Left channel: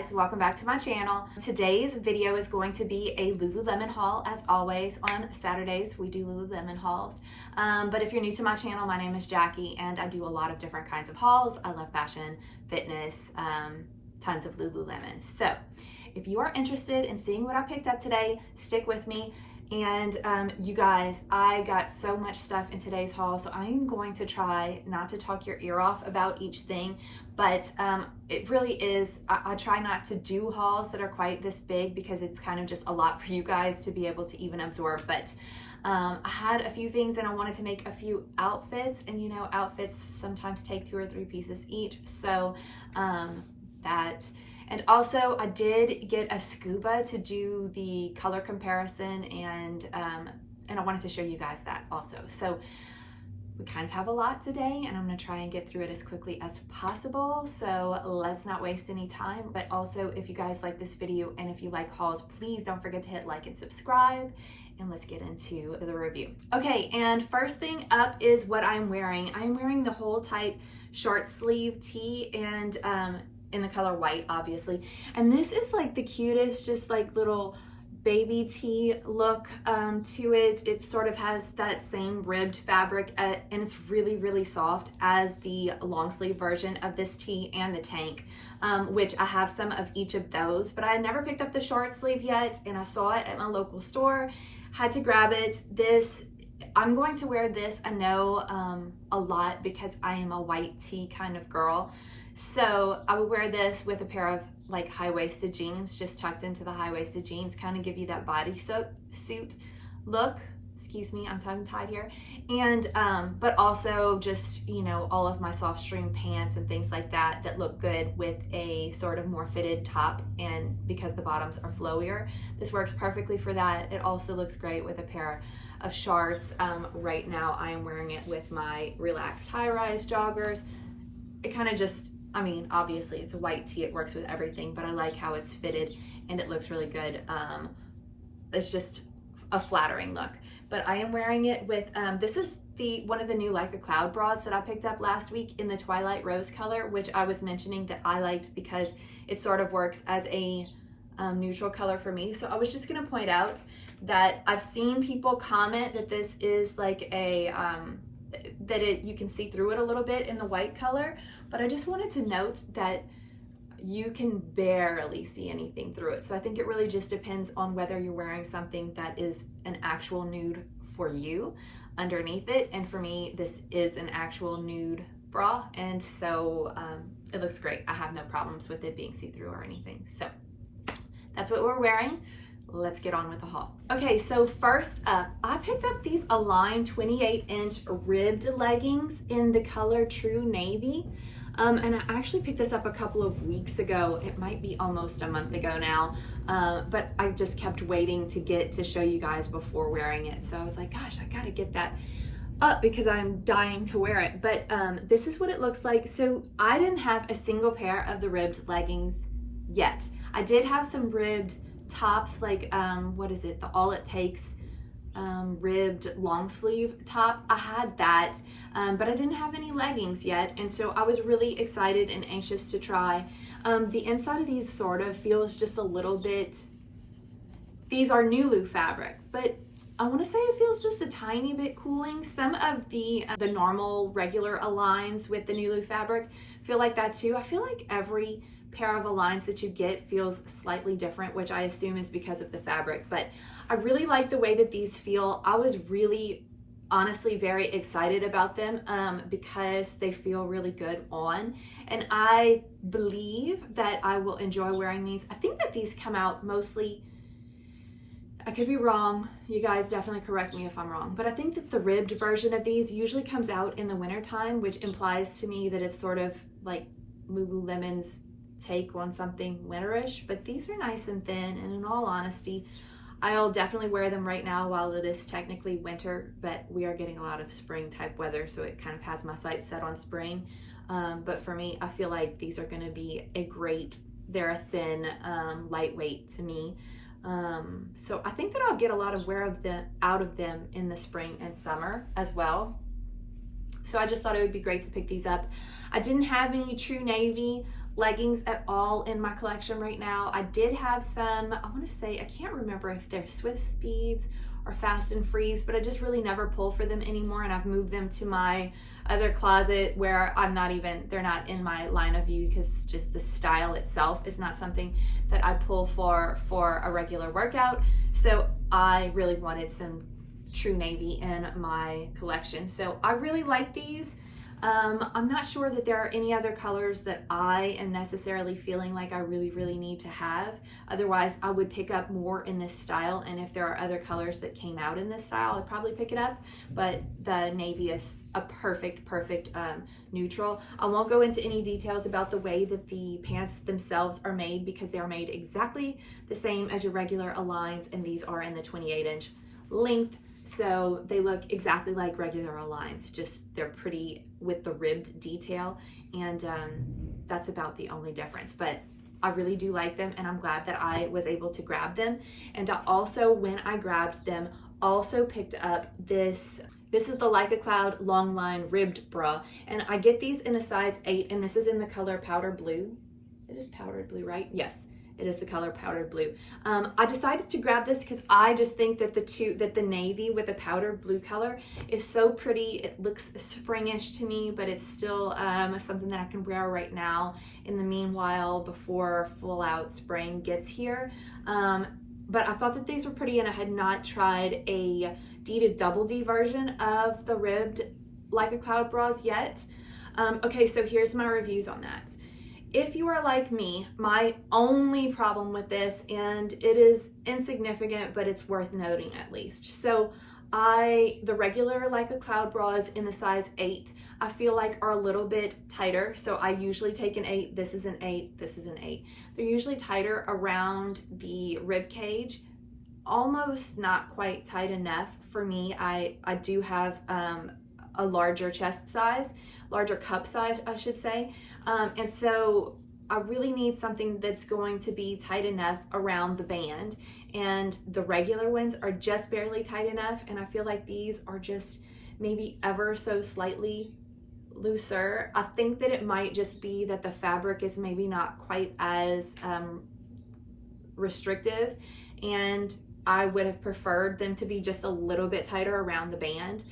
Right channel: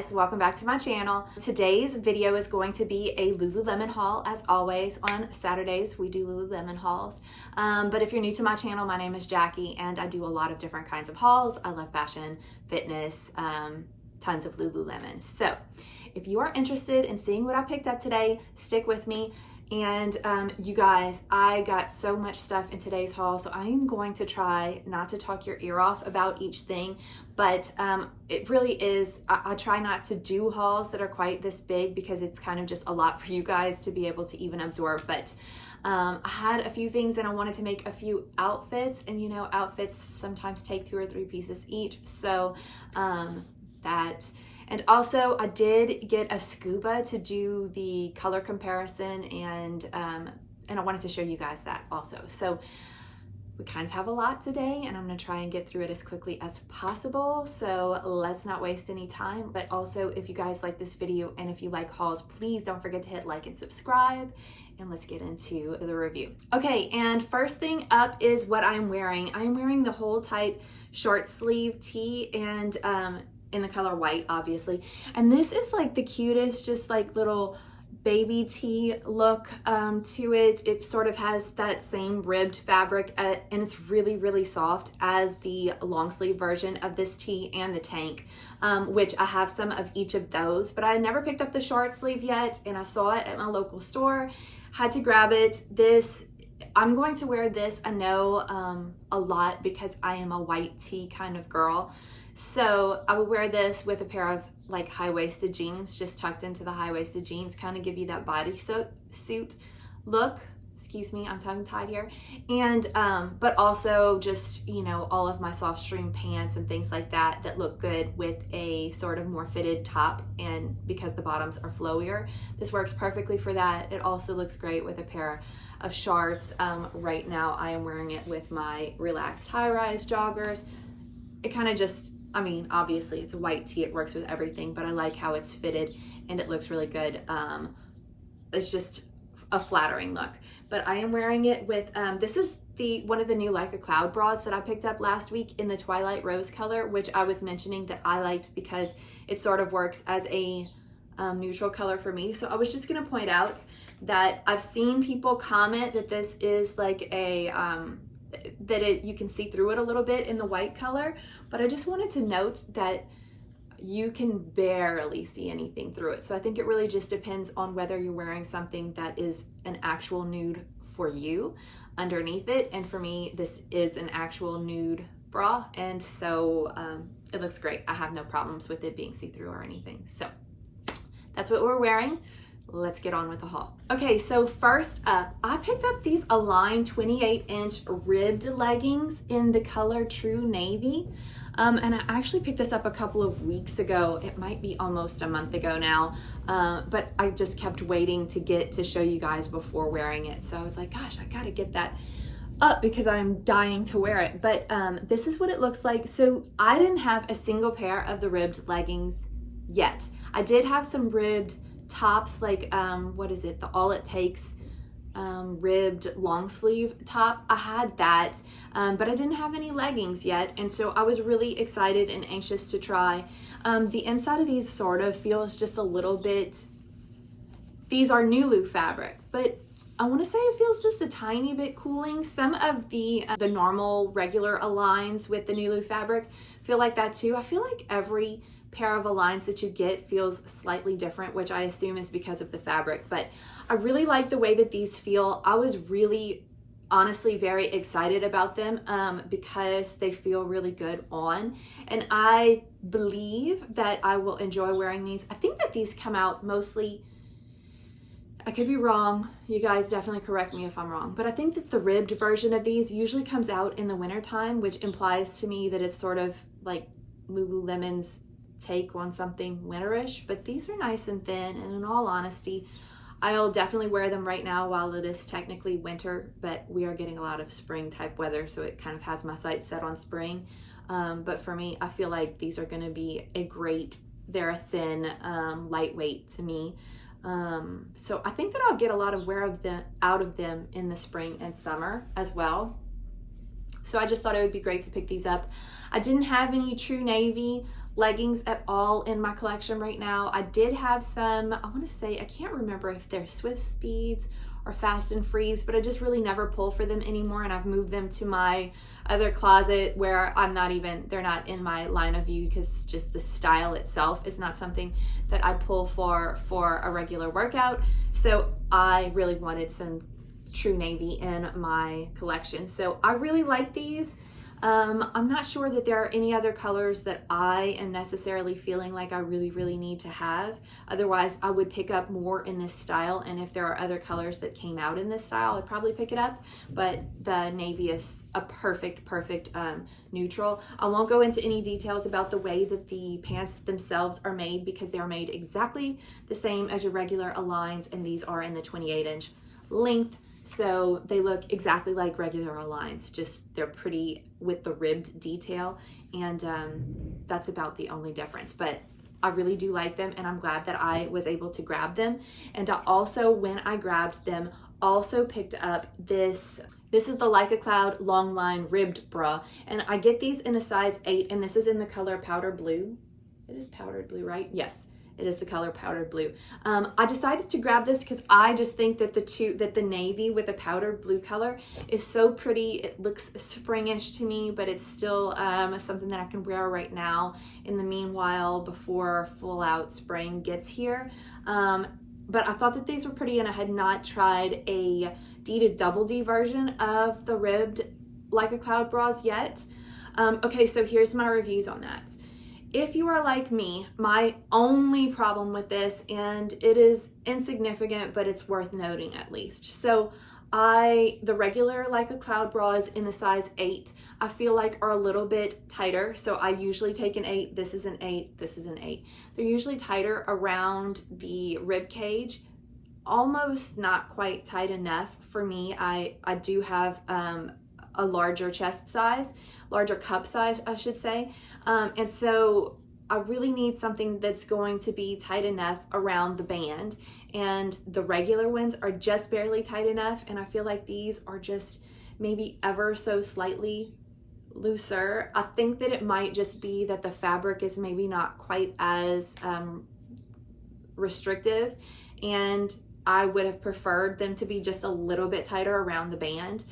guys, welcome back to my channel. Today's video is going to be a Lululemon haul. As always, on Saturdays we do Lululemon hauls. But if you're new to my channel, my name is Jackie and I do a lot of different kinds of hauls. I love fashion, fitness, tons of Lululemon. So if you are interested in seeing what I picked up today, stick with me. And you guys, I got so much stuff in today's haul, so I am going to try not to talk your ear off about each thing, but it really is, I try not to do hauls that are quite this big because it's kind of just a lot for you guys to be able to even absorb. But I had a few things and I wanted to make a few outfits, and you know, outfits sometimes take 2 or 3 pieces each, so and also I did get a Scuba to do the color comparison, and I wanted to show you guys that also. So we kind of have a lot today and I'm gonna try and get through it as quickly as possible. So let's not waste any time. But also, if you guys like this video and if you like hauls, please don't forget to hit like and subscribe. And let's get into the review. Okay, and first thing up is what I'm wearing. I'm wearing the Hold Tight short sleeve tee, and in the color white, obviously. And this is like the cutest, just like little baby tee look to it. It sort of has that same ribbed fabric, and it's really, really soft as the long sleeve version of this tee and the tank, which I have some of each of those, but I never picked up the short sleeve yet, and I saw it at my local store, had to grab it. I'm going to wear this, I know, a lot because I am a white tee kind of girl. So I would wear this with a pair of like high-waisted jeans, just tucked into the high-waisted jeans, kind of give you that bodysuit look. Excuse me, I'm tongue-tied here. And but also just, you know, all of my SOFTSTREME pants and things like that that look good with a sort of more fitted top, and because the bottoms are flowier, this works perfectly for that. It also looks great with a pair of shorts. Right now I am wearing it with my relaxed high-rise joggers. It kind of just, I mean, obviously it's a white tee, it works with everything, but I like how it's fitted and it looks really good. It's just a flattering look. But I am wearing it with, this is one of the new Leica cloud bras that I picked up last week in the Twilight rose color, which I was mentioning that I liked because it sort of works as a neutral color for me. So I was just gonna point out that I've seen people comment that this is like a, you can see through it a little bit in the white color, but I just wanted to note that you can barely see anything through it. So I think it really just depends on whether you're wearing something that is an actual nude for you underneath it. And for me, this is an actual nude bra, and so it looks great. I have no problems with it being see-through or anything. So that's what we're wearing. Let's get on with the haul. Okay, so first up, I picked up these Align 28-inch ribbed leggings in the color True Navy. And I actually picked this up a couple of weeks ago. It might be almost a month ago now, but I just kept waiting to get to show you guys before wearing it. So I was like, gosh, I gotta get that up because I'm dying to wear it. But this is what it looks like. So I didn't have a single pair of the ribbed leggings yet. I did have some ribbed tops, like what is it, the All It Takes ribbed long sleeve top. I had that, but I didn't have any leggings yet, and so I was really excited and anxious to try. The inside of these sort of feels just a little bit, these are NULU fabric, but I want to say it feels just a tiny bit cooling. Some of the normal regular Aligns with the NULU fabric feel like that too. I feel like every pair of Aligns that you get feels slightly different, which I assume is because of the fabric, but I really like the way that these feel. I was really, honestly, very excited about them because they feel really good on, and I believe that I will enjoy wearing these. I think that these come out mostly, I could be wrong, you guys definitely correct me if I'm wrong, but I think that the ribbed version of these usually comes out in the winter time, which implies to me that it's sort of like Lululemon's take on something winterish. But these are nice and thin, and in all honesty, I'll definitely wear them right now while it is technically winter, but we are getting a lot of spring type weather, so it kind of has my sights set on spring. But for me, I feel like these are going to be they're a thin, lightweight to me. So I think that I'll get a lot of wear out of them in the spring and summer as well. So I just thought it would be great to pick these up. I didn't have any True Navy leggings at all in my collection right now. I did have some, I want to say, I can't remember if they're Swift Speeds or Fast and Freeze, but I just really never pull for them anymore, and I've moved them to my other closet where they're not in my line of view, because just the style itself is not something that I pull for a regular workout. So I really wanted some true navy in my collection. So I really like these. I'm not sure that there are any other colors that I am necessarily feeling like I really need to have. Otherwise, I would pick up more in this style, and if there are other colors that came out in this style, I'd probably pick it up. But the navy is a perfect neutral. I won't go into any details about the way that the pants themselves are made, because they are made exactly the same as your regular Aligns, and these are in the 28-inch length. So they look exactly like regular Aligns, just they're pretty with the ribbed detail, and that's about the only difference. But I really do like them, and I'm glad that I was able to grab them. And I also, when I grabbed them, also picked up this is the Leica Cloud long line ribbed bra, and I get these in a size 8, and this is in the color powder blue. It is powdered blue, right? Yes. It is the color powder blue. I decided to grab this because I just think that the navy with the powder blue color is so pretty. It looks springish to me, but it's still something that I can wear right now in the meanwhile before full out spring gets here. But I thought that these were pretty, and I had not tried a D to double D version of the ribbed Leica Cloud bras yet. Okay, so here's my reviews on that. If you are like me, my only problem with this, and it is insignificant, but it's worth noting at least. So the regular Leica Cloud bras in the size 8, I feel like are a little bit tighter. So I usually take an 8, this is an 8, this is an 8. They're usually tighter around the rib cage, almost not quite tight enough for me. I do have a larger chest size, larger cup size, I should say. And so I really need something that's going to be tight enough around the band, and the regular ones are just barely tight enough, and I feel like these are just maybe ever so slightly looser. I think that it might just be that the fabric is maybe not quite as restrictive, and I would have preferred them to be just a little bit tighter around the band.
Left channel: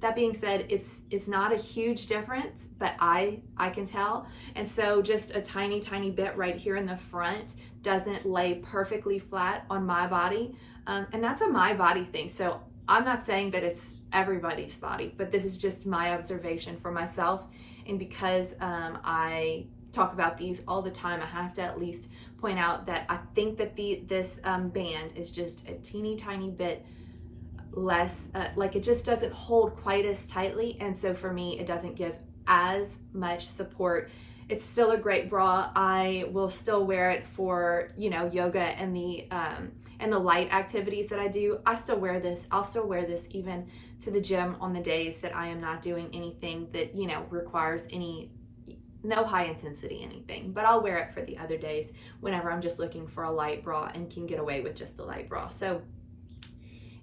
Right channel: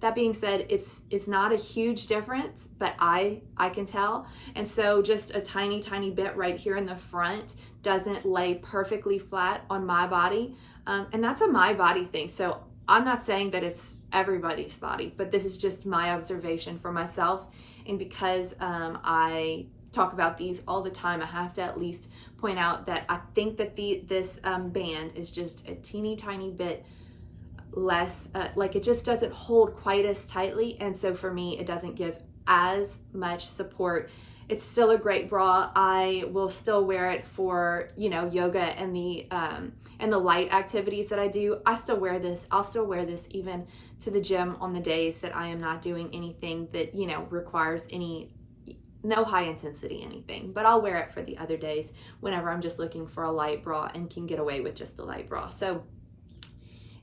That being said, it's not a huge difference, but I can tell. And so just a tiny bit right here in the front doesn't lay perfectly flat on my body. And that's a my body thing. So I'm not saying that it's everybody's body, but this is just my observation for myself. And because I talk about these all the time, I have to at least point out that I think that this band is just a teeny tiny bit less, like it just doesn't hold quite as tightly, and so for me it doesn't give as much support. It's still a great bra. I will still wear it for, you know, yoga and the light activities that I do. I still wear this. I'll still wear this even to the gym on the days that I am not doing anything that, you know, requires no high intensity anything, but I'll wear it for the other days whenever I'm just looking for a light bra and can get away with just a light bra. So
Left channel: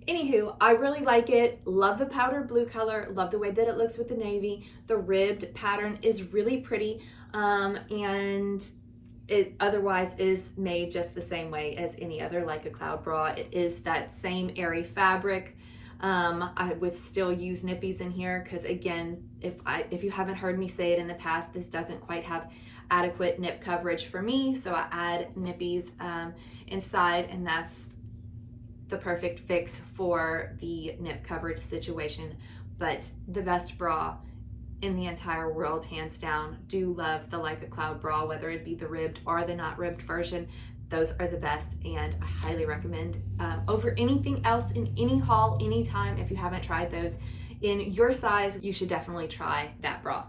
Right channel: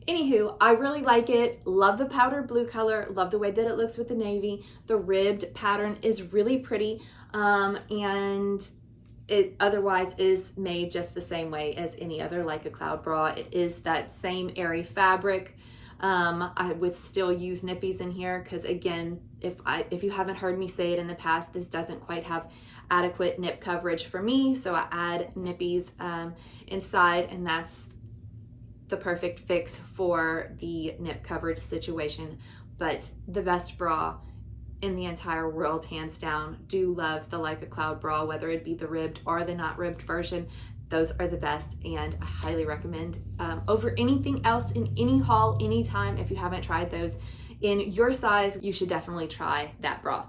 anywho, I really like it. Love the powder blue color. Love the way that it looks with the navy. The ribbed pattern is really pretty, and it otherwise is made just the same way as any other Leica Cloud bra. It is that same airy fabric. I would still use NIPPIES in here because, again, if you haven't heard me say it in the past, this doesn't quite have adequate nip coverage for me, so I add NIPPIES inside, and that's the perfect fix for the nip coverage situation. But the best bra in the entire world, hands down. Do love the Leica Cloud bra, whether it be the ribbed or the not ribbed version. Those are the best, and I highly recommend over anything else in any haul, anytime. If you haven't tried those in your size, you should definitely try that bra.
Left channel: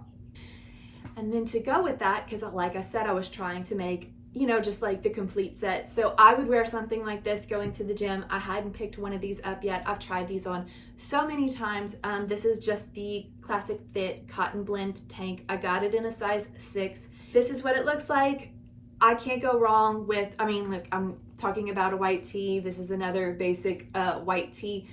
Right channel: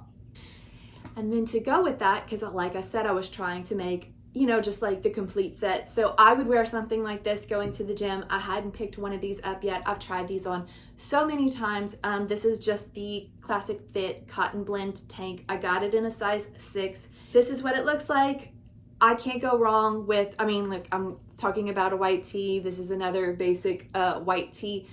And then to go with that, because like I said, I was trying to make, you know, just like the complete set. So I would wear something like this going to the gym. I hadn't picked one of these up yet. I've tried these on so many times. This is just the Classic Fit Cotton Blend tank. I got it in a size 6. This is what it looks like. I can't go wrong with, I mean, look, I'm talking about a white tee. This is another basic white tee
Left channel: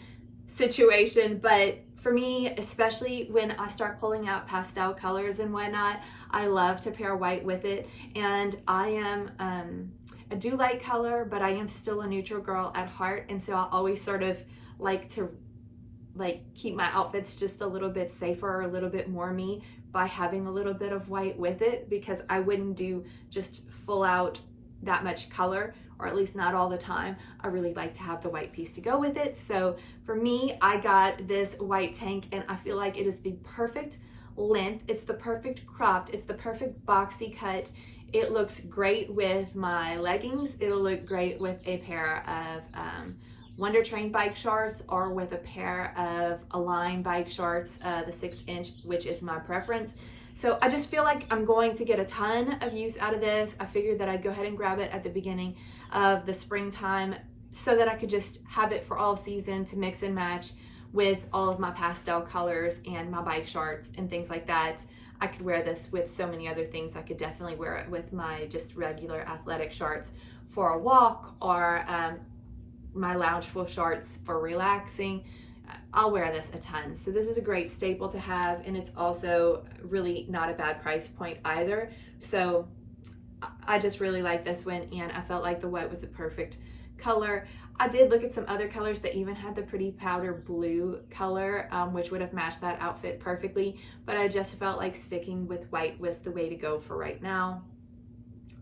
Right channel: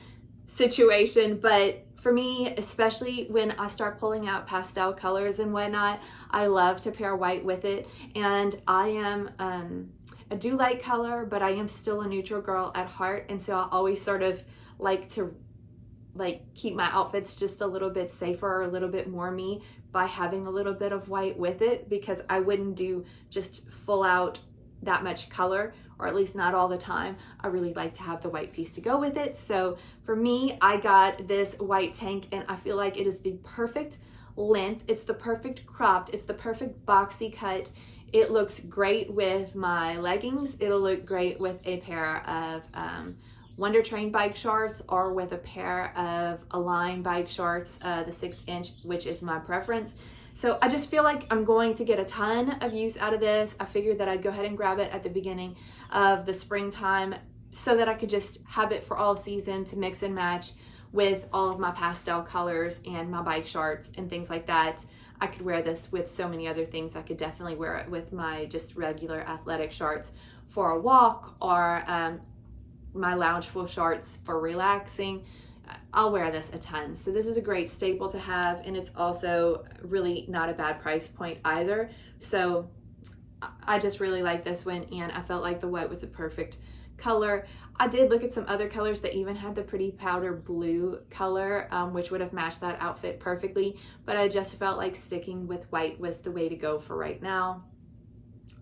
situation, but for me, especially when I start pulling out pastel colors and whatnot, I love to pair white with it. And I do like color, but I am still a neutral girl at heart. And so I always sort of like to keep my outfits just a little bit safer, or a little bit more me, by having a little bit of white with it, because I wouldn't do just full out that much color, or at least not all the time. I really like to have the white piece to go with it. So for me, I got this white tank, and I feel like it is the perfect length. It's the perfect cropped. It's the perfect boxy cut. It looks great with my leggings. It'll look great with a pair of Wonder Train bike shorts, or with a pair of Align bike shorts, the 6-inch, which is my preference. So I just feel like I'm going to get a ton of use out of this. I figured that I'd go ahead and grab it at the beginning of the springtime, so that I could just have it for all season to mix and match with all of my pastel colors and my bike shorts and things like that. I could wear this with so many other things. I could definitely wear it with my just regular athletic shorts for a walk, or my loungeful shorts for relaxing. I'll wear this a ton. So this is a great staple to have, and it's also really not a bad price point either. So I just really like this one, and I felt like the white was the perfect color. I did look at some other colors that even had the pretty powder blue color, which would have matched that outfit perfectly, but I just felt like sticking with white was the way to go for right now.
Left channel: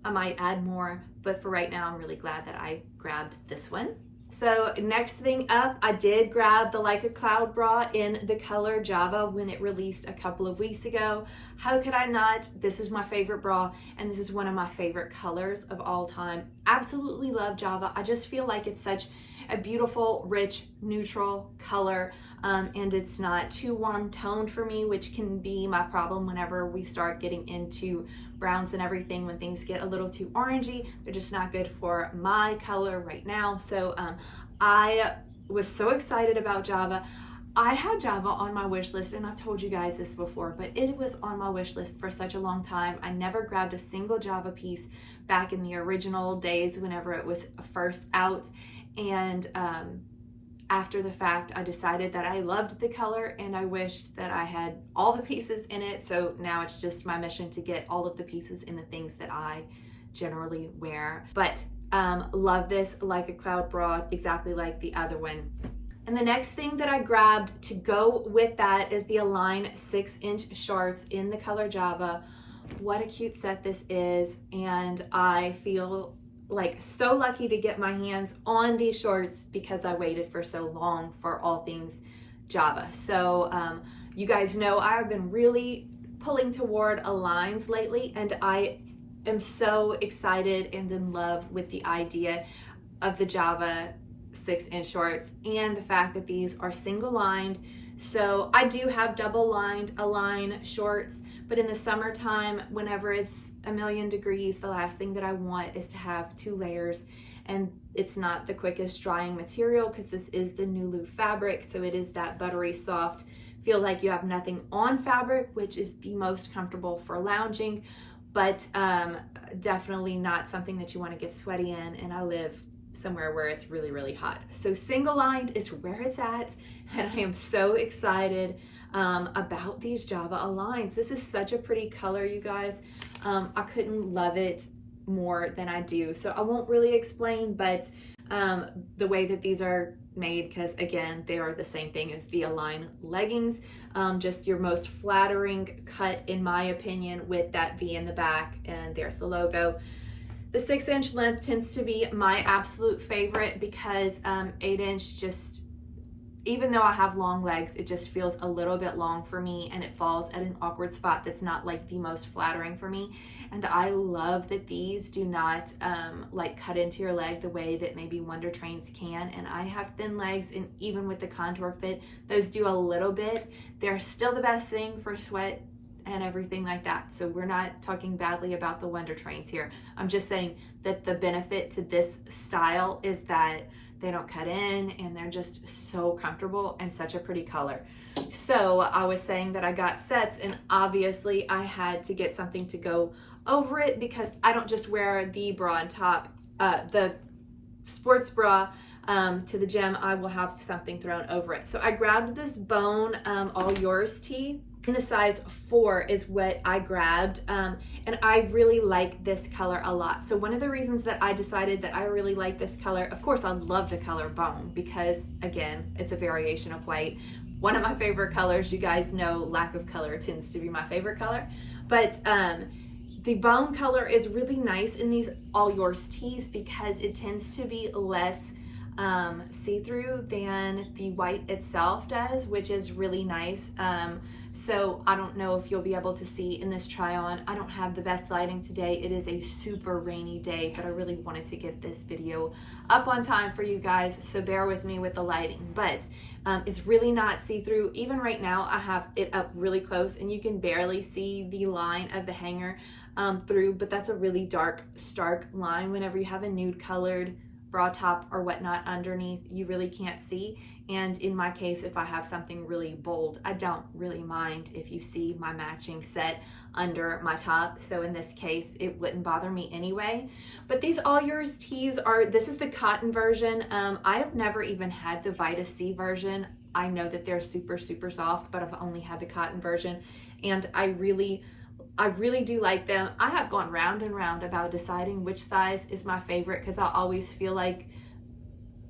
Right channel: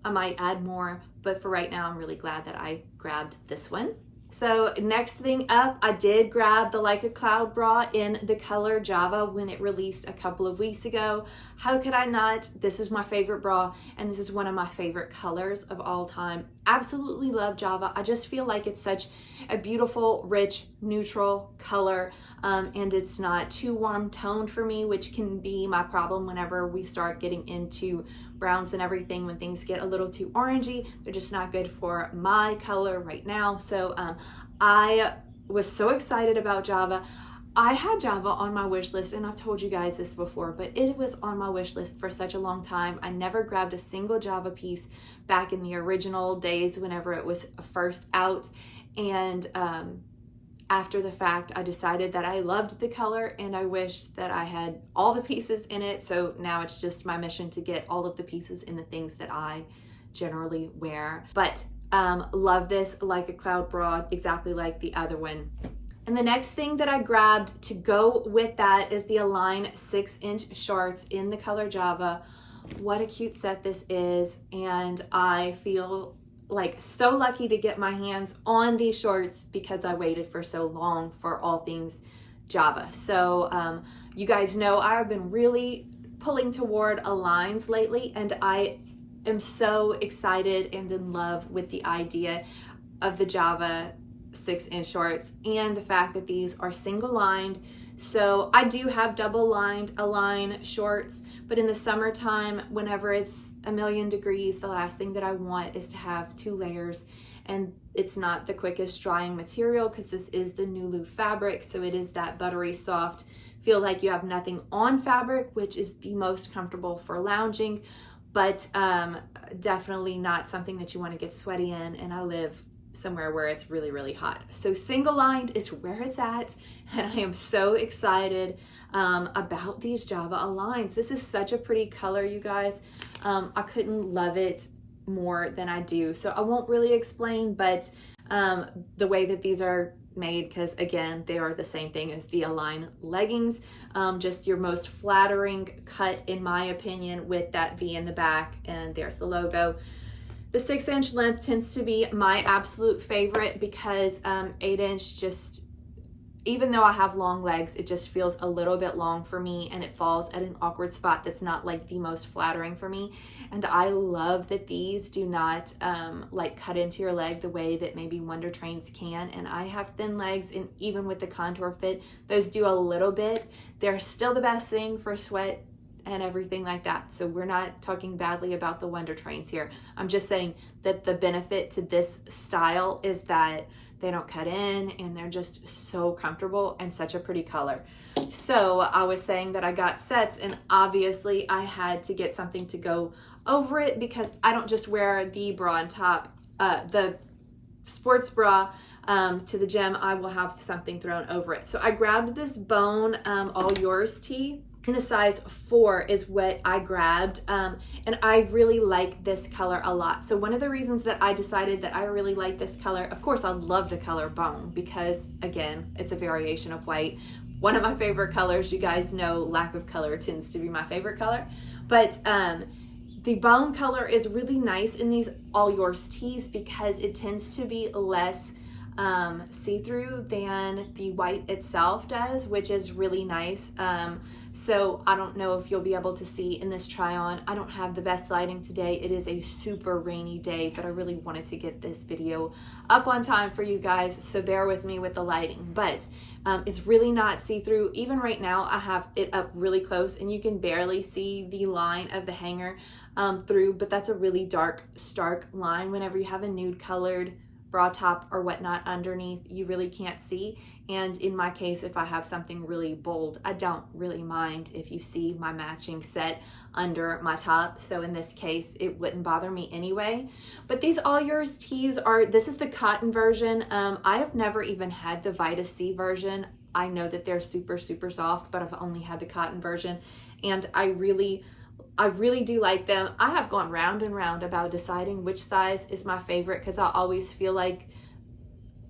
I might add more, but for right now, I'm really glad that I grabbed this one. So next thing up, I did grab the Leica Cloud Bra in the color Java when it released a couple of weeks ago. How could I not? This is my favorite bra, and this is one of my favorite colors of all time. Absolutely love Java. I just feel like it's such a beautiful, rich, neutral color, and it's not too warm toned for me, which can be my problem whenever we start getting into browns and everything. When things get a little too orangey, they're just not good for my color right now. So I was so excited about Java. I had Java on my wish list, and I've told you guys this before, but it was on my wish list for such a long time. I never grabbed a single Java piece back in the original days whenever it was first out. And after the fact, I decided that I loved the color, and I wish that I had all the pieces in it. So now it's just my mission to get all of the pieces in the things that I generally wear. But love this like a cloud bra, exactly like the other one. And the next thing that I grabbed to go with that is the Align 6-inch shorts in the color Java. What a cute set this is, and I feel like so lucky to get my hands on these shorts because I waited for so long for all things Java. So you guys know I've been really pulling toward Aligns lately, and I am so excited and in love with the idea of the Java 6-inch shorts, and the fact that these are single lined. So I do have double lined Align shorts, but in the summertime, whenever it's a million degrees, the last thing that I want is to have 2 layers, and it's not the quickest drying material because this is the NULU fabric, so it is that buttery soft, feel like you have nothing on fabric, which is the most comfortable for lounging, but definitely not something that you want to get sweaty in, and I live somewhere where it's really, really hot. So single lined is where it's at, and I am so excited about these Java Aligns. This is such a pretty color, you guys. I couldn't love it more than I do. So I won't really explain, but the way that these are made, because again, they are the same thing as the Align leggings, just your most flattering cut in my opinion, with that V in the back, and there's the logo. The 6-inch length tends to be my absolute favorite because 8-inch just, even though I have long legs, it just feels a little bit long for me, and it falls at an awkward spot that's not like the most flattering for me. And I love that these do not like cut into your leg the way that maybe Wonder Trains can. And I have thin legs, and even with the contour fit, those do a little bit. They're still the best thing for sweat and everything like that. So we're not talking badly about the Wonder Trains here. I'm just saying that the benefit to this style is that they don't cut in, and they're just so comfortable and such a pretty color. So I was saying that I got sets, and obviously I had to get something to go over it because I don't just wear the bra on top, the sports bra to the gym, I will have something thrown over it. So I grabbed this bone All Yours tee. In the size 4 is what I grabbed, and I really like this color a lot. So one of the reasons that I decided that I really like this color, of course I love the color bone because again, it's a variation of white. One of my favorite colors, you guys know lack of color tends to be my favorite color, but the bone color is really nice in these All Yours tees because it tends to be less see-through than the white itself does, which is really nice. So I don't know if you'll be able to see in this try on. I don't have the best lighting today. It is a super rainy day, but I really wanted to get this video up on time for you guys, so bear with me with the lighting. But it's really not see-through. Even right now, I have it up really close and you can barely see the line of the hanger through, but that's a really dark, stark line. Whenever you have a nude colored bra top or whatnot underneath, you really can't see. And in my case, if I have something really bold, I don't really mind if you see my matching set under my top. So in this case, it wouldn't bother me anyway. But these All Yours tees are, this is the cotton version. I have never even had the Vita C version. I know that they're super, super soft, but I've only had the cotton version. And I really do like them. I have gone round and round about deciding which size is my favorite because I always feel like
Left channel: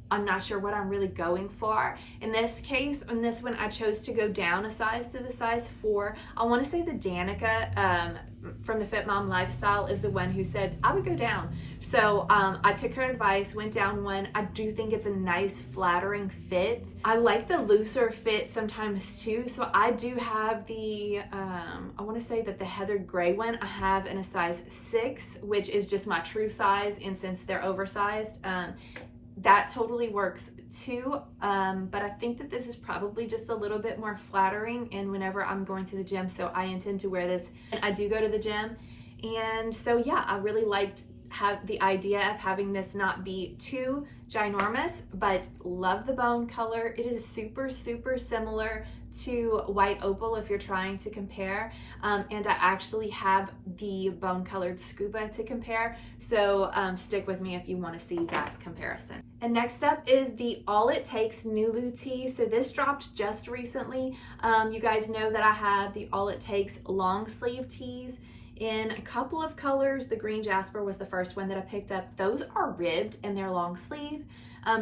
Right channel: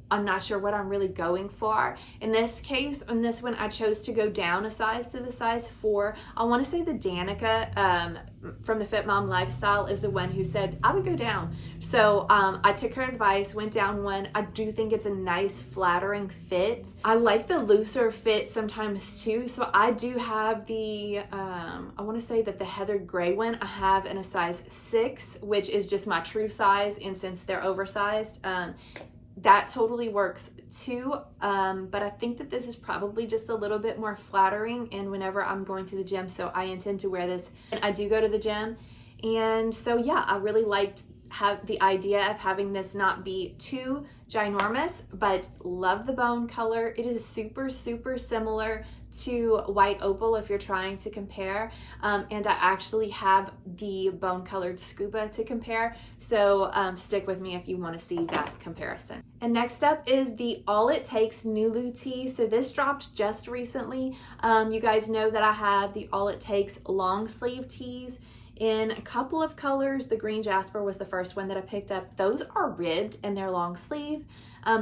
I'm not sure what I'm really going for. In this case, on this one, I chose to go down a size to the size 4. I want to say the Danica from the Fit Mom Lifestyle is the one who said I would go down. So I took her advice, went down one. I do think it's a nice flattering fit. I like the looser fit sometimes too. So I do have the, I want to say that the heathered gray one I have in a size 6, which is just my true size. And since they're oversized, that totally works too, but I think that this is probably just a little bit more flattering and whenever I'm going to the gym, so I intend to wear this and I do go to the gym. And so yeah, I really liked the idea of having this not be too ginormous, but love the bone color. It is super, super similar to White Opal if you're trying to compare, and I actually have the bone colored Scuba to compare, so stick with me if you want to see that comparison. And next up is the All It Takes NULU tee. So this dropped just recently. You guys know that I have the All It Takes long sleeve tees in a couple of colors. The green jasper was the first one that I picked up. Those are ribbed and they're long sleeve,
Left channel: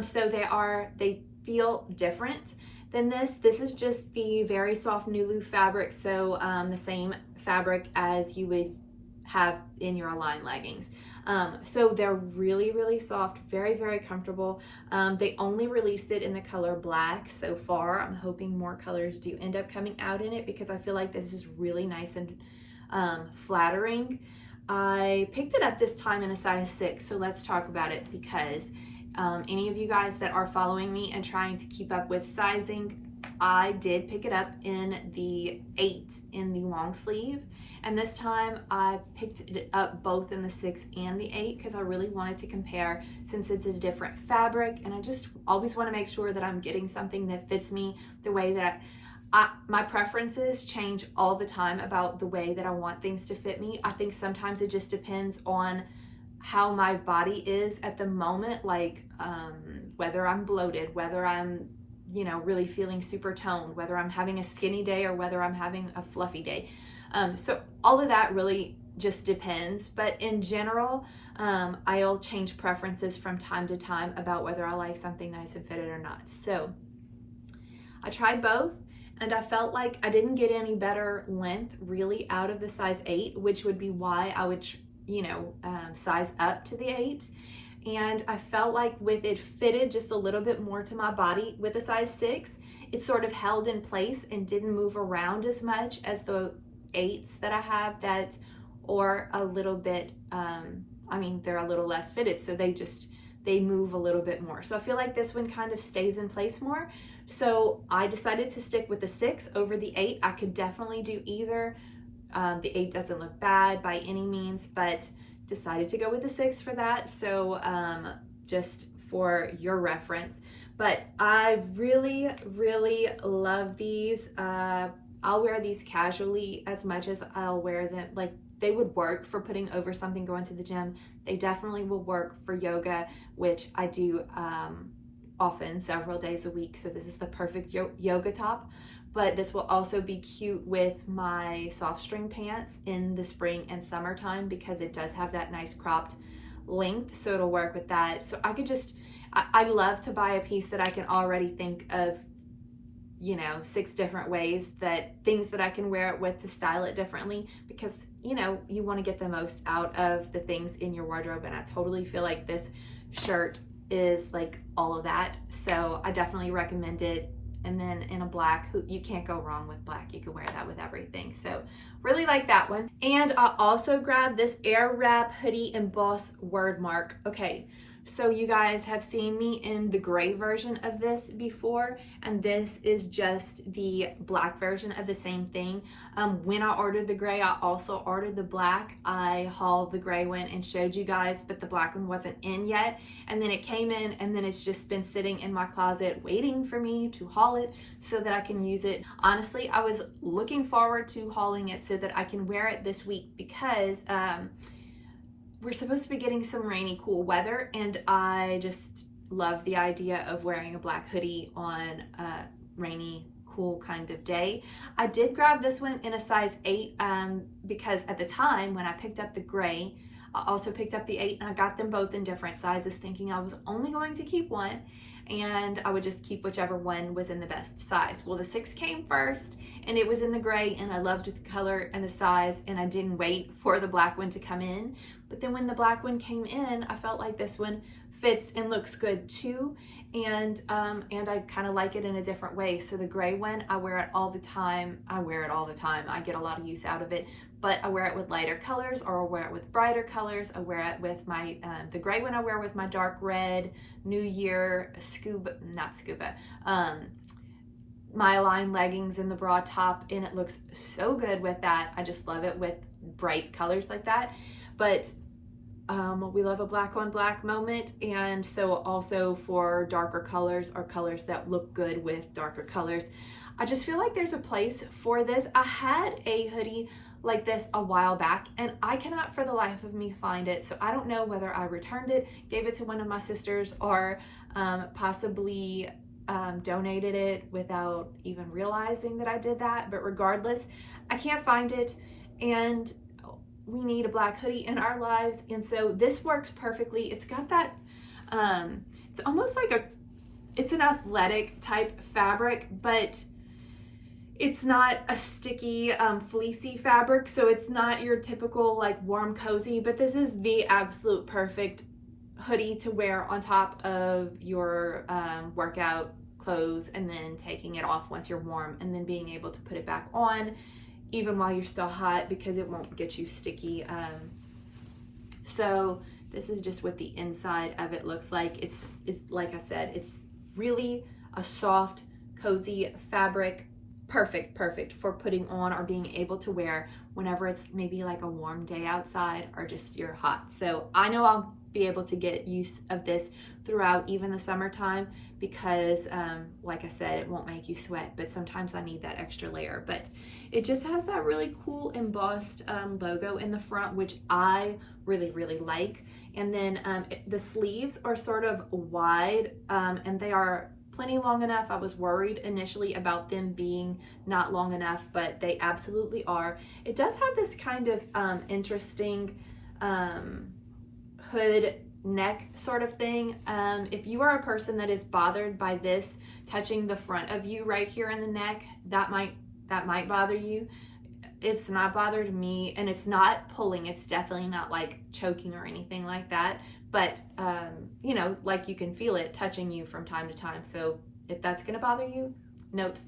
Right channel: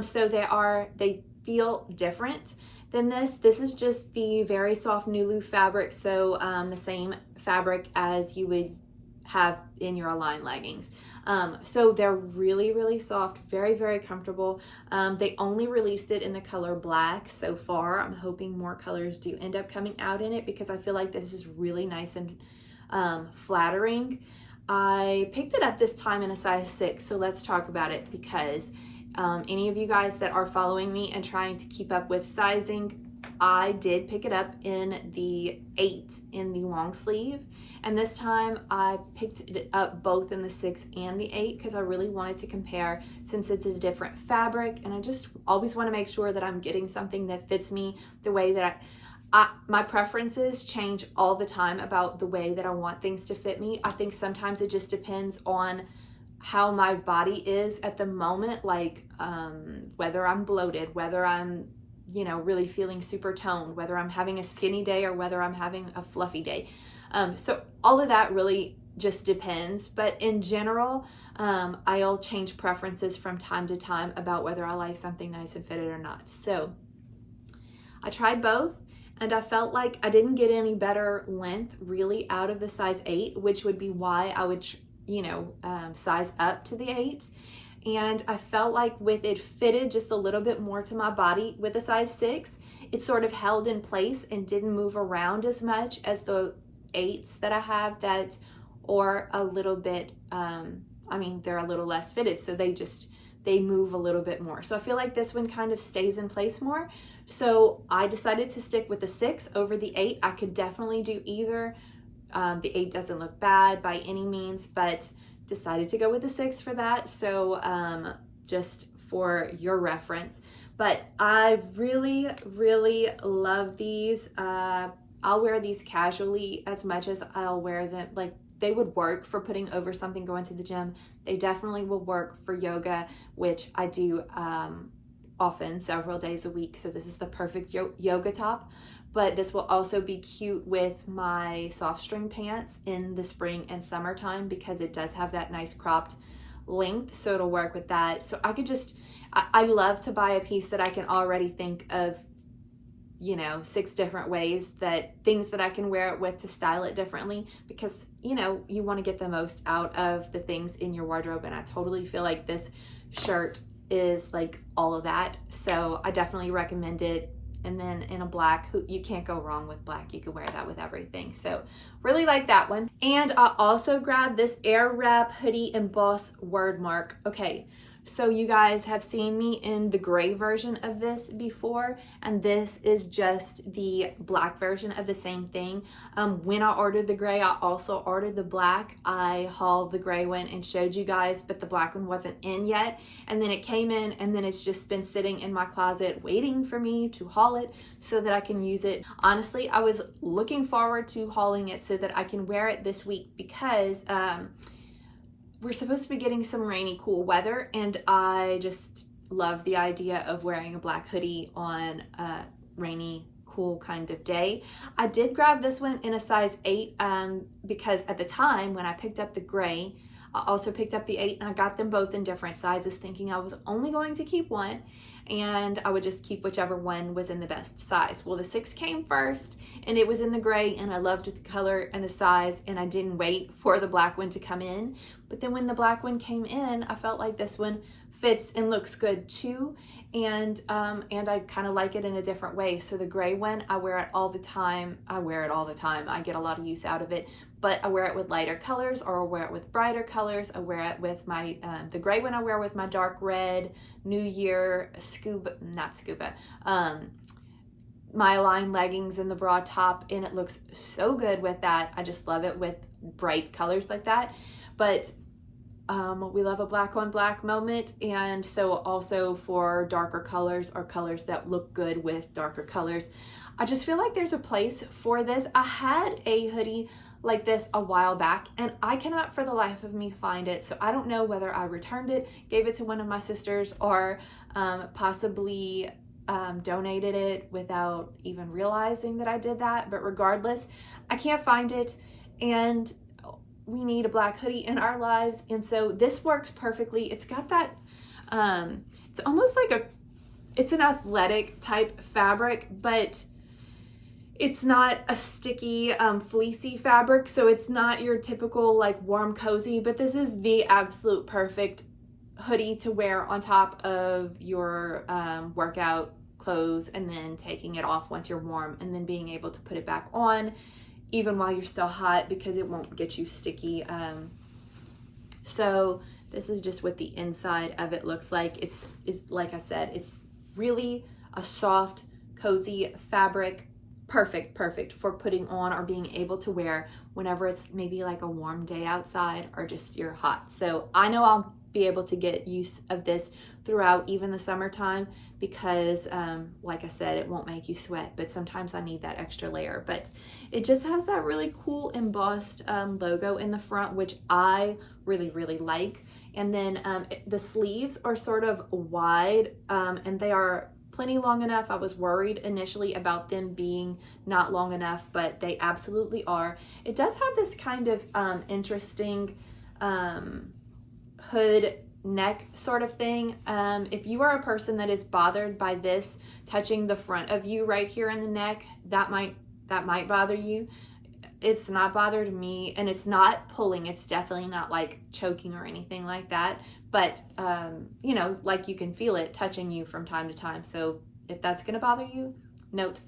so they feel different than this. This is just the very soft NULU fabric, so the same fabric as you would have in your Align leggings. So they're really, really soft, very, very comfortable. They only released it in the color black so far. I'm hoping more colors do end up coming out in it because I feel like this is really nice and flattering. I picked it up this time in a size 6, so let's talk about it because any of you guys that are following me and trying to keep up with sizing, I did pick it up in the 8 in the long sleeve, and this time I picked it up both in the 6 and the 8 because I really wanted to compare since it's a different fabric, and I just always want to make sure that I'm getting something that fits me the way that my preferences change all the time about the way that I want things to fit me. I think sometimes it just depends on how my body is at the moment, like whether I'm bloated, whether I'm, you know, really feeling super toned, whether I'm having a skinny day or whether I'm having a fluffy day. So all of that really just depends, but in general, I'll change preferences from time to time about whether I like something nice and fitted or not. So I tried both, and I felt like I didn't get any better length really out of the size 8, which would be why I would, you know, size up to the 8. And I felt like with it fitted just a little bit more to my body with a size 6, it sort of held in place and didn't move around as much as the 8s that I have that are a little bit, I mean, they're a little less fitted, so they move a little bit more. So I feel like this one kind of stays in place more. So I decided to stick with the 6 over the 8. I could definitely do either. The 8 doesn't look bad by any means, but decided to go with the 6 for that. So just for your reference. But I really, really love these. I'll wear these casually as much as I'll wear them. Like, they would work for putting over something going to the gym. They definitely will work for yoga, which I do often, several days a week. So this is the perfect yoga top, but this will also be cute with my SOFTSTREME pants in the spring and summertime because it does have that nice cropped length, so it'll work with that. So I could just, I love to buy a piece that I can already think of, you know, 6 different ways, things that I can wear it with to style it differently, because, you know, you want to get the most out of the things in your wardrobe, and I totally feel like this shirt is like all of that. So I definitely recommend it. And then in a black, you can't go wrong with black. You can wear that with everything. So really like that one. And I also grabbed this AIRWRAP hoodie emboss WORDMARK. Okay, so you guys have seen me in the gray version of this before, and this is just the black version of the same thing. When I ordered the gray, I also ordered the black. I hauled the gray one and showed you guys, but the black one wasn't in yet. And then it came in, and then it's just been sitting in my closet waiting for me to haul it so that I can use it. Honestly, I was looking forward to hauling it so that I can wear it this week, because we're supposed to be getting some rainy, cool weather, and I just love the idea of wearing a black hoodie on a rainy, cool kind of day. I did grab this one in a size 8 because at the time when I picked up the gray, I also picked up the 8, and I got them both in different sizes, thinking I was only going to keep one and I would just keep whichever one was in the best size. Well, the 6 came first, and it was in the gray, and I loved the color and the size, and I didn't wait for the black one to come in. But then when the black one came in, I felt like this one fits and looks good too, and I kind of like it in a different way. So the gray one, I wear it all the time. I get a lot of use out of it, but I wear it with lighter colors, or I wear it with brighter colors. I wear it with my, the gray one I wear with my dark red New Year my line leggings and the bra top, and it looks so good with that. I just love it with bright colors like that. But we love a black on black moment, and so also for darker colors or colors that look good with darker colors, I just feel like there's a place for this. I had a hoodie like this a while back, and I cannot for the life of me find it. So I don't know whether I returned it, gave it to one of my sisters, or possibly donated it without even realizing that I did that. But regardless, I can't find it, and we need a black hoodie in our lives, and so this works perfectly. It's got that, it's almost like it's an athletic type fabric, but it's not a sticky, fleecy fabric, so it's not your typical like warm cozy, but this is the absolute perfect hoodie to wear on top of your workout clothes, and then taking it off once you're warm, and then being able to put it back on even while you're still hot, because it won't get you sticky. So this is just what the inside of it looks like. It's like I said, it's really a soft, cozy fabric. Perfect for putting on or being able to wear whenever it's maybe like a warm day outside, or just you're hot. So I know I'll be able to get use of this throughout even the summertime, because like I said, it won't make you sweat, but sometimes I need that extra layer. But it just has that really cool embossed logo in the front, which I really like. And then the sleeves are sort of wide, and they are plenty long enough. I was worried initially about them being not long enough, but they absolutely are. It does have this kind of interesting hood neck sort of thing. If you are a person that is bothered by this touching the front of you right here in the neck, that might bother you. It's not bothered me, and it's not pulling. It's definitely not like choking or anything like that. But, you know, like you can feel it touching you from time to time. So if that's going to bother you, note.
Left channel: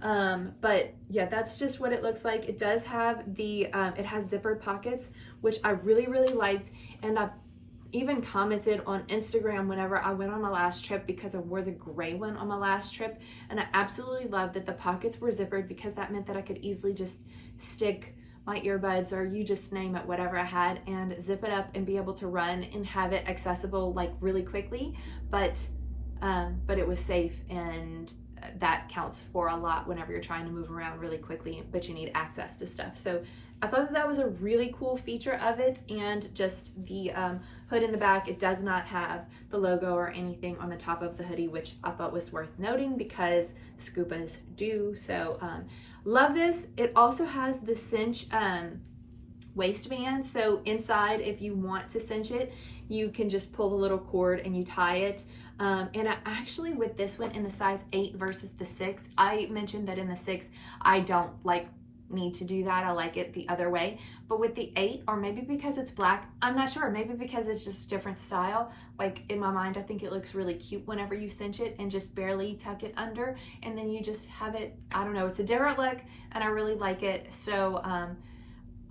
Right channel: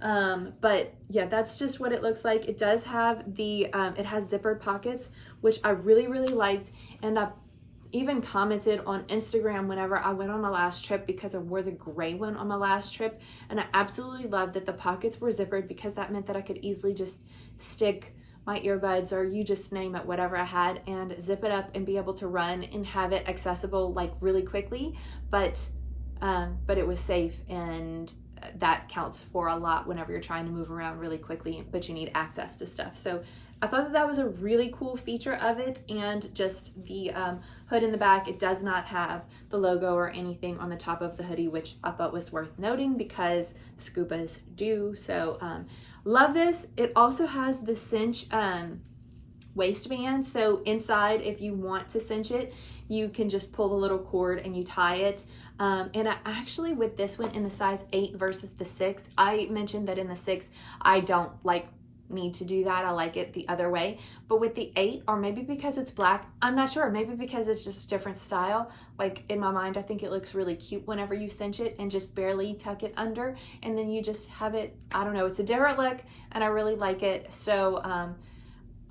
But yeah, that's just what it looks like. It does have the, it has zippered pockets, which I really liked. And I even commented on Instagram whenever I went on my last trip, because I wore the gray one on my last trip. And I absolutely loved that the pockets were zippered, because that meant that I could easily just stick my earbuds, or you just name it, whatever I had, and zip it up and be able to run and have it accessible like really quickly. But it was safe, and that counts for a lot whenever you're trying to move around really quickly, but you need access to stuff. So I thought that that was a really cool feature of it. And just the hood in the back, it does not have the logo or anything on the top of the hoodie, which I thought was worth noting because Scubas do. So love this. It also has the cinch waistband. So inside, if you want to cinch it, you can just pull the little cord and you tie it. And I actually, with this one in the size 8 versus the 6, I mentioned that in the 6, I don't need to do that. I like it the other way. But with the 8, or maybe because it's black, I'm not sure, maybe because it's just a different style, like in my mind, I think it looks really cute whenever you cinch it and just barely tuck it under, and then you just have it, I don't know, it's a different look, and I really like it. So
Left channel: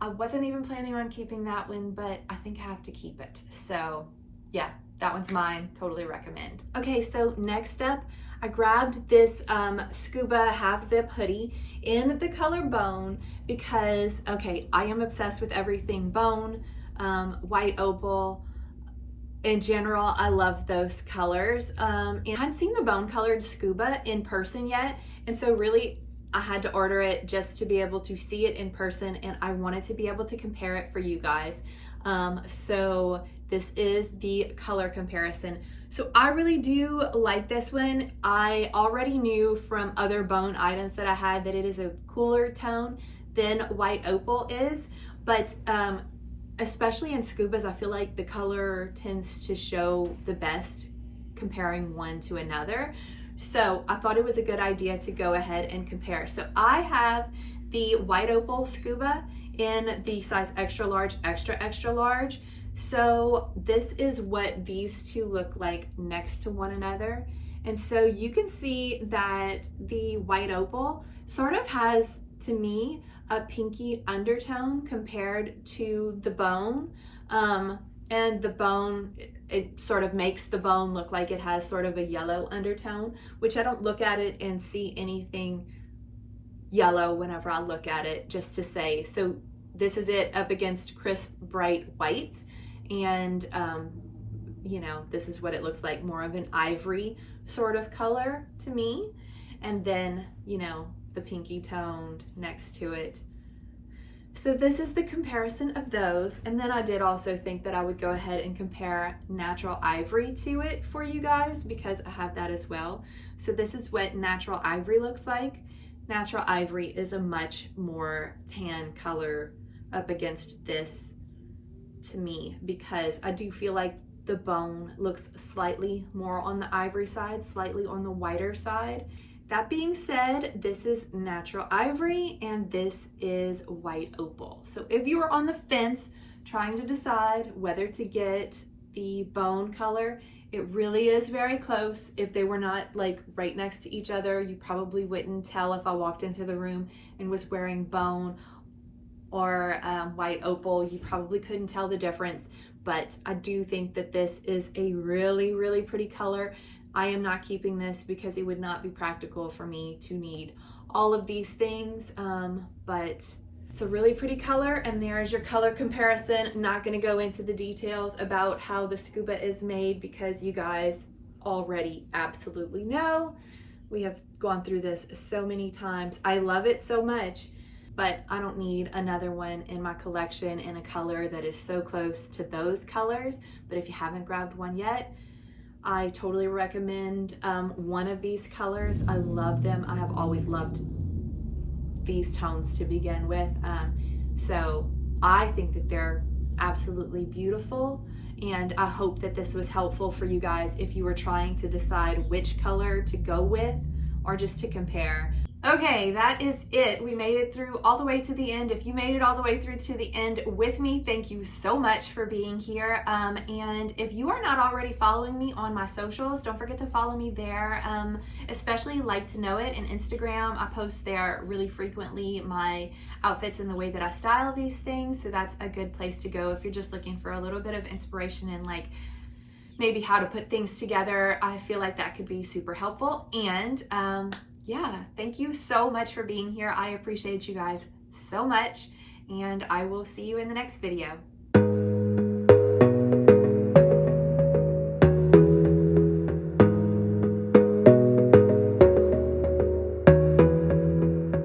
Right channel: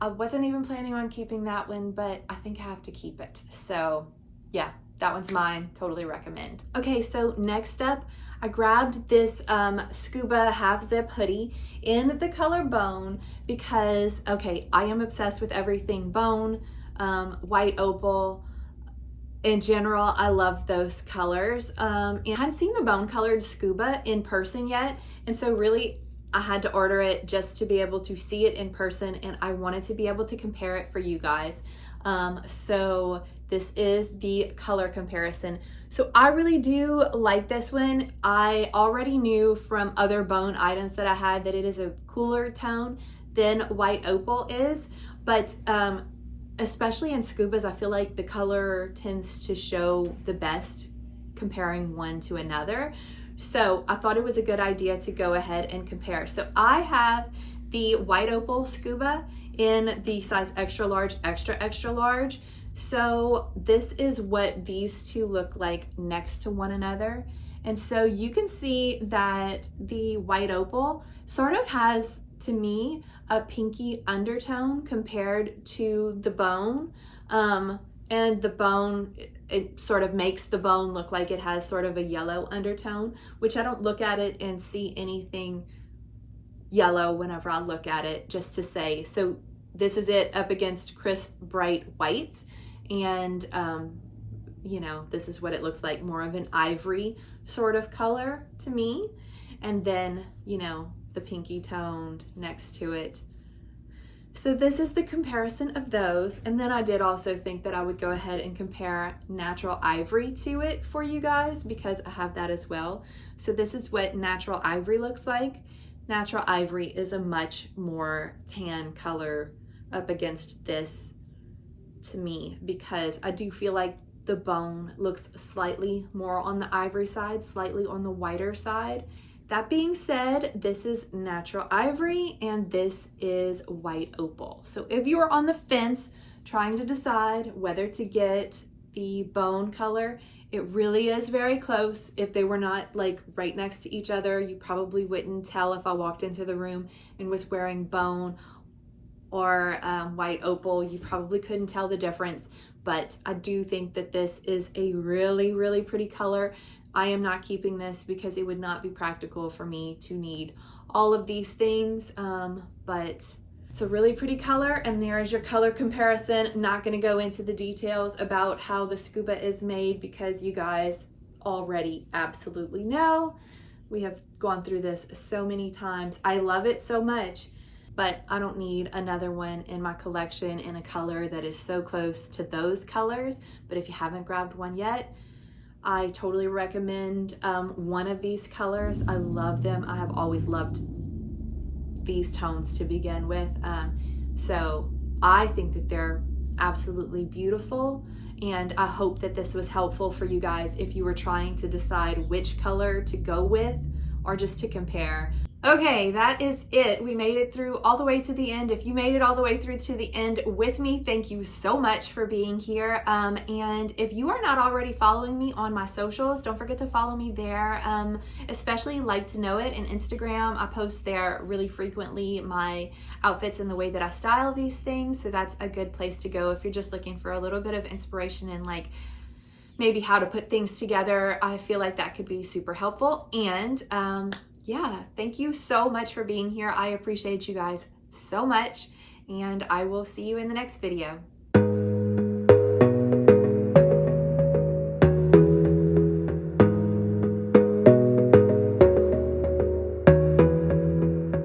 I wasn't even planning on keeping that one, but I think I have to keep it. So yeah, that one's mine. Totally recommend. Okay, so next up, I grabbed this Scuba Half Zip hoodie in the color bone because, okay, I am obsessed with everything bone, white opal. In general, I love those colors. And I hadn't seen the bone colored Scuba in person yet. And so really, I had to order it just to be able to see it in person, and I wanted to be able to compare it for you guys. So this is the color comparison. So I really do like this one. I already knew from other bone items that I had that it is a cooler tone than white opal is, but especially in Scubas, I feel like the color tends to show the best comparing one to another. So I thought it was a good idea to go ahead and compare. So I have the white opal Scuba in the size extra large, extra large. So this is what these two look like next to one another. And so you can see that the white opal sort of has, to me, a pinky undertone compared to the bone. And the bone, it sort of makes the bone look like it has sort of a yellow undertone, which I don't look at it and see anything yellow whenever I look at it, just to say. So this is it up against crisp, bright white. And, you know, this is what it looks like, more of an ivory sort of color to me. And then, you know, the pinky toned next to it. So this is the comparison of those. And then I did also think that I would go ahead and compare natural ivory to it for you guys because I have that as well. So this is what natural ivory looks like. Natural ivory is a much more tan color up against this to me, because I do feel like the bone looks slightly more on the ivory side, slightly on the whiter side. That being said, this is natural ivory and this is white opal. So if you are on the fence trying to decide whether to get the bone color, it really is very close. If they were not like right next to each other, you probably wouldn't tell if I walked into the room and was wearing bone or white opal. You probably couldn't tell the difference, but I do think that this is a really, really pretty color. I am not keeping this because it would not be practical for me to need all of these things, but it's a really pretty color, and there is your color comparison. Not going to go into the details about how the Scuba is made because you guys already absolutely know. We have gone through this so many times. I love it so much, but I don't need another one in my collection in a color that is so close to those colors. But if you haven't grabbed one yet, I totally recommend one of these colors. I love them. I have always loved these tones to begin with. So I think that they're absolutely beautiful. And I hope that this was helpful for you guys if you were trying to decide which color to go with or just to compare. Okay, that is it. We made it through all the way to the end. If you made it all the way through to the end with me, thank you so much for being here. And if you are not already following me on my socials, don't forget to follow me there, especially Like to Know It and Instagram. I post there really frequently my outfits and the way that I style these things. So that's a good place to go if you're just looking for a little bit of inspiration and like maybe how to put things together. I feel like that could be super helpful. And yeah, thank you so much for being here. I appreciate you guys so much, and I will see you in the next video.